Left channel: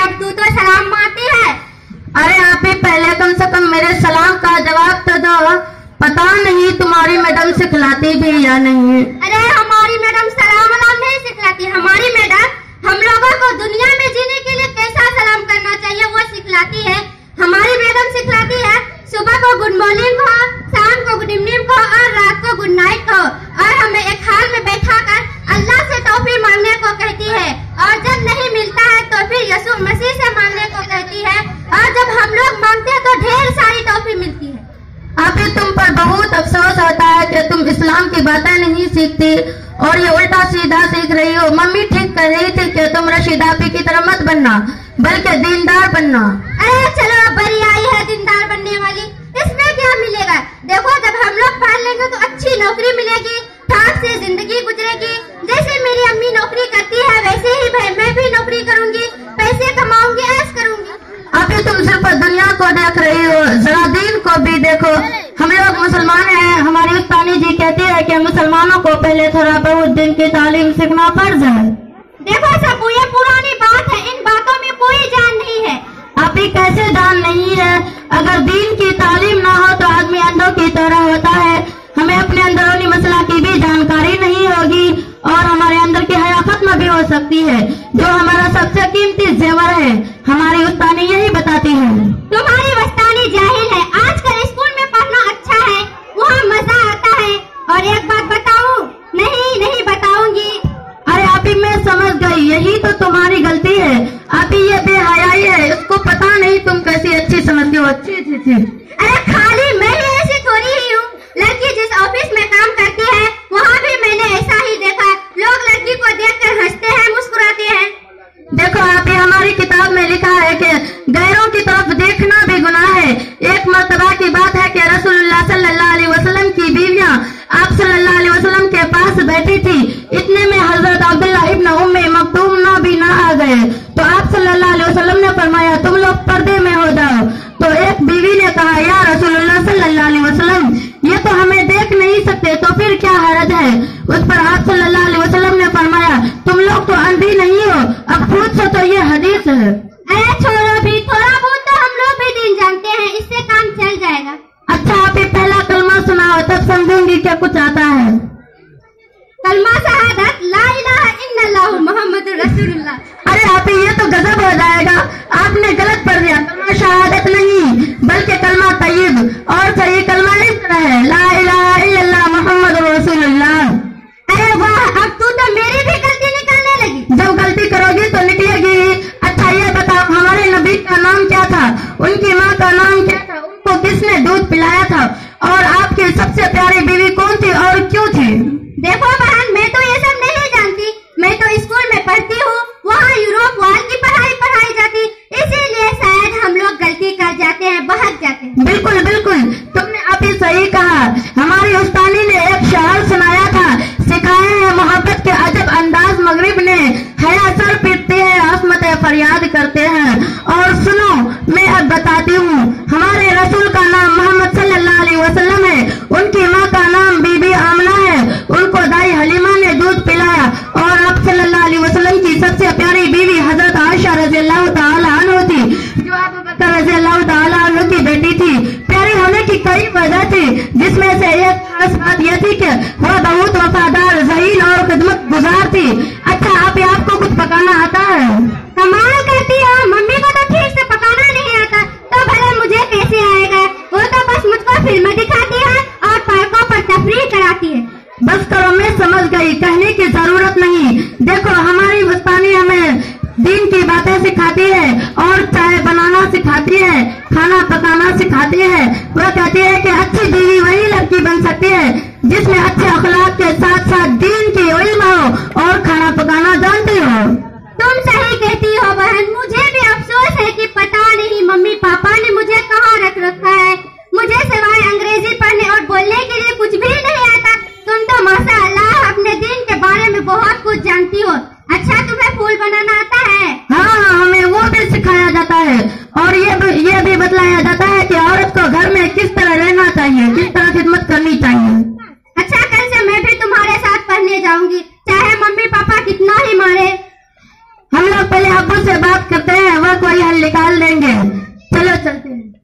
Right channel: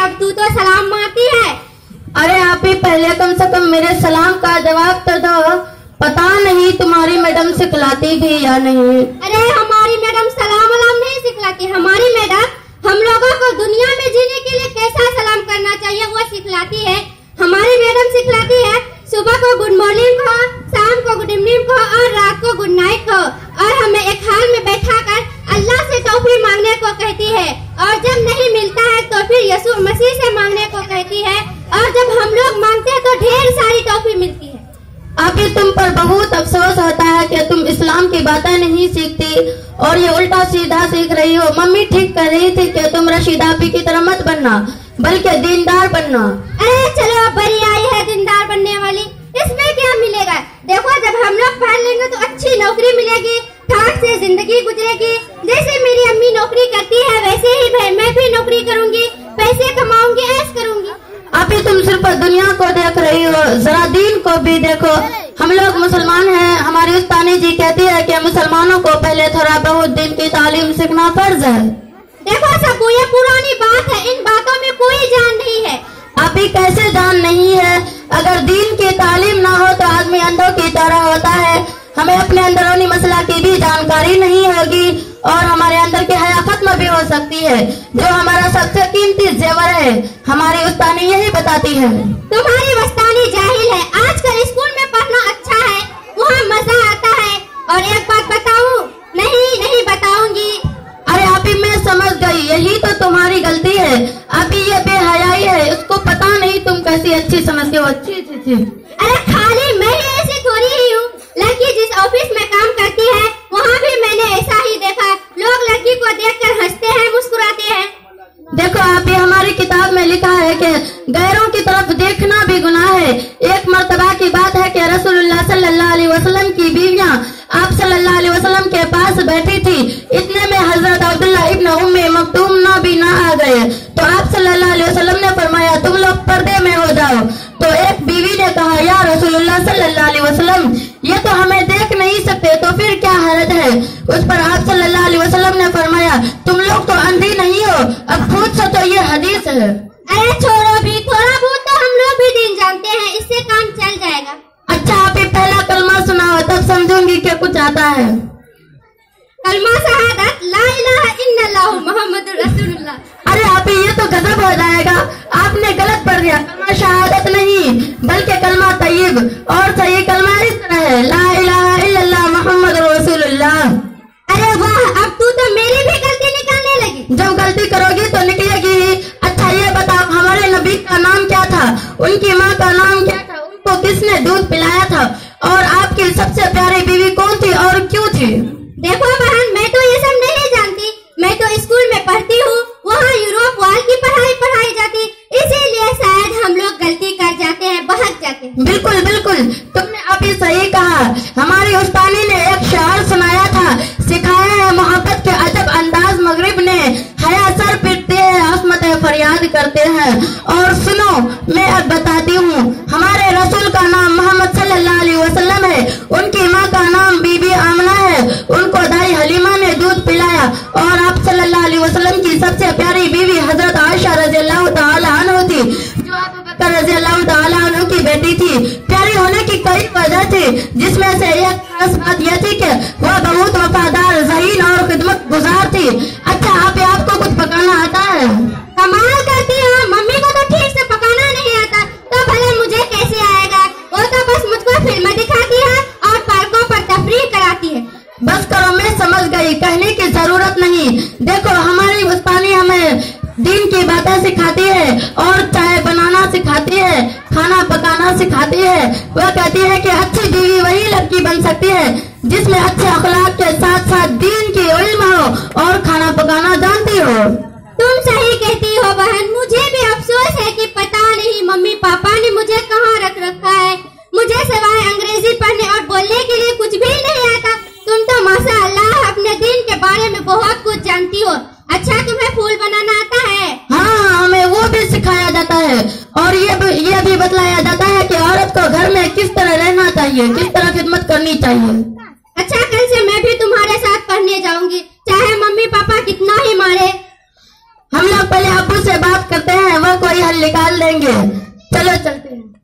अब तू तो सलाम मारती है। अरे आप ही पहले कम से कम मेरे सलाम का जवाब तो दो। पता नहीं तुम्हारी मैडम सिखलाती भी या नहीं। अरे हमारी मैडम सलाम वलाम नहीं सिखलाती। हमारी मैडम हम लोगों को दुनिया में जीने के लिए कैसा सलाम करना चाहिए वो सिखलाती है। हमारी मैडम सिखलाती है सुबह को गुड मॉर्निंग हो, शाम को गुड इवनिंग हो और रात को गुड नाइट हो। और हमें एक हाल में बैठा कर अल्लाह से तौफीक मांगने को कहती है। और जब नहीं मिलता है तो फिर यीशु मसीह से मांगने को कहती है। और जब हम लोग मांगते हैं तो ढेर सारी तौफीक मिलती है। अभी तुम पर बहुत अफसोस आता है कि तुम इस्लाम की बातें नहीं सीखती और ये उल्टा सीधा सीख रही हो। मम्मी ठीक कर रही थी कि तुम रशीदा आपी की तरह मत बनना बल्कि दीनदार बनना। अरे चलो बड़ी आई है दीनदार बनने वाली, इसमें क्या मिलेगा। देखो जब हम लोग पढ़ लेंगे तो अच्छी नौकरी मिलेगी, ठाक से जिंदगी गुजरेगी। जैसे मेरी अम्मी नौकरी करती है वैसे ही मैं भी नौकरी करूंगी, पैसे कमाऊंगी, ऐश करूंगी। अभी तुम सिर्फ दुनिया को देख रही हो, जरा दीन को भी देखो। हम लोग मुसलमान हैं। हमारी उस्तानी जी कहती है कि मुसलमानों को पहले थोड़ा बहुत दिन की तालीम सीखना फर्ज है। देखो सबू ये पुरानी बात है, इन बातों में कोई जान नहीं है। अभी कैसे जान नहीं है? अगर दीन की तालीम ना हो तो आदमी अंधों की तरह होता है। हमें अपने अंदरूनी मसला की भी जानकारी नहीं होगी और हमारे अंदर की हया खत्म भी हो सकती है, जो हमारा सबसे कीमती जेवर है। हमारी उस्तानी यही बताती है। तुम्हारी उस्तानी जाहिल है। आजकल स्कूल में पढ़ना अच्छा है, वहाँ मजा आता है। और एक बात बताऊं? नहीं बताऊंगी। अरे आपी मैं समझ गई, यही तो तुम्हारी गलती है। अभी ये बेहयाई है, इसको पता नहीं तुम कैसी अच्छी समझती हो। अच्छी। अरे खाली मैं ऐसी थोड़ी ही हूँ, लड़की जिस ऑफिस में काम करती है वहाँ भी मैंने ऐसा ही देखा। लोग लड़की को देखकर हंसते हैं, मुस्कुराते हैं। देखो आप ही हमारी किताब में लिखा है कि गैरों की तरफ देखना भी गुनाह है। एक मर्तबा की बात है कि रसूलुल्लाह सल्लल्लाहु अलैहि वसल्लम की बीवियां आप सल्लल्लाहु अलैहि वसल्लम के पास बैठी थी। इतने में हजरत अब्दुल्लाह इब्न उम्मे मक्तूम भी ना आ गए तो आप सल्लल्लाहु अलैहि वसल्लम ने फरमाया तुम लोग पर्दे में हो जाओ। तो एक बीवी ने कहा या रसूलुल्लाह सल्लल्लाहु अलैहि वसल्लम ये तो हमें देख नहीं सकते तो फिर क्या हरज है। उस पर आप सल्लल्लाहु अलैहि वसल्लम ने फरमाया तुम लोग तो अंधी नहीं हो, अब खुद से तो ये हदीस है। अरे छोड़ो भी, थोड़ा बहुत तो हम लोग भी दिन जानते हैं, इससे काम चल जाएगा। अच्छा आप ही पहला कलमा सुनाओ तब समझूंगी कि कुछ आता है। कलमा शहादत ला इलाहा इल्लल्लाह मुहम्मदुर रसूलुल्लाह। अरे आप ही ये तो गजब हो जाएगा, आपने गलत पढ़ दिया। कलमा शहादत नहीं बल्कि कलमा तय्यब, और सही कलमा इस तरह है ला इलाहा इल्लल्लाह मुहम्मदुर रसूलुल्लाह। अरे वाह, अब तू तो मेरी भी गलती निकालने लगी। जो गलती करोगी तो निकलेगी। अच्छा ये बताओ हमारे नबी का नाम क्या था, उनकी माँ का नाम क्या था, उनको किसने दूध पिलाया था, और आपकी सबसे प्यारी बीवी कौन थी और क्यों थी? देखो बहन मैं तो ये सब नहीं जानती, मैं तो स्कूल में पढ़ती हूँ, वहाँ यूरोप वाल की पढ़ाई जाती, इसीलिए शायद हम लोग गलती कर जाते हैं, बहक जाते हैं। बिल्कुल तुमने अभी सही कहा। हमारी उस्तानी ने एक शेर सुनाया था, सिखाए हैं मोहब्बत के अजब अंदाज मगरिब ने, हया सर पीटते हैं आसमतें फरियाद करते हैं। और सुनो मैं अब बताती हूँ, हमारे रसूल का नाम मोहम्मद सल्लल्लाहु अलैहि वसल्लम है, उनकी माँ का नाम बीबी आमना है, उनको दाई हलीमा ने दूध पिलाया, और आप सल्लल्लाहु अलैहि वसल्लम की सबसे प्यारी बीवी हजरत आयशा रज़ियल्लाहु ताला अन्हा थी, जो अबू बकर रज़ियल्लाहु ताला अन्हु की बेटी थी। प्यारी होने की कई वजह थी, जिसमें से एक खास बात यह थी कि वह बहुत वफादार, ज़हीन और खिदमत गुजार थी। अच्छा आपको कुछ पकाना आता है? कमाल करती हो, मम्मी को तो ठीक से पकाना नहीं आता, तो भला मुझे कैसे आएगा। वो तो बस मुझको फिल्म दिखाती है और पार्कों पर तफरीह कराती है। बस करो मैं समझ गई, कहने की जरूरत नहीं। देखो हमारी उस्तानी हमें दीन की बातें सिखाती है और चाय बनाना सिखाती है, खाना पकाना सिखाती है। वह कहती है कि अच्छी बीवी वही लड़की बन सकती है जिसमें अच्छे अखलाक के साथ साथ दीन की इल्म हो और खाना पकाना जानती हो। तुम सही कहती हो बहन, मुझे भी अफसोस है कि पता नहीं मम्मी पापा ने मुझे कहाँ रख रखा है। मुझे सिवाय अंग्रेजी पढ़ने और बोलने के लिए कुछ भी नहीं आता। तुम तो माशाअल्लाह अपने दीन के बारे में बहुत कुछ जानती हो। अच्छा तुम्हें फूल बनाना आता है? हाँ हमें वो भी सिखाया जाता है, और ये भी बतलाया जाता है कि औरत को घर में किस तरह रहना चाहिए, किस तरह खिदमत करनी चाहिए। अच्छा कल से मैं भी तुम्हारे साथ पढ़ने जाऊंगी, चाहे मम्मी पापा कितना ही मारे। हम लोग पहले अब्बू से बात कर निकाल देंगे। चलो चलते हैं।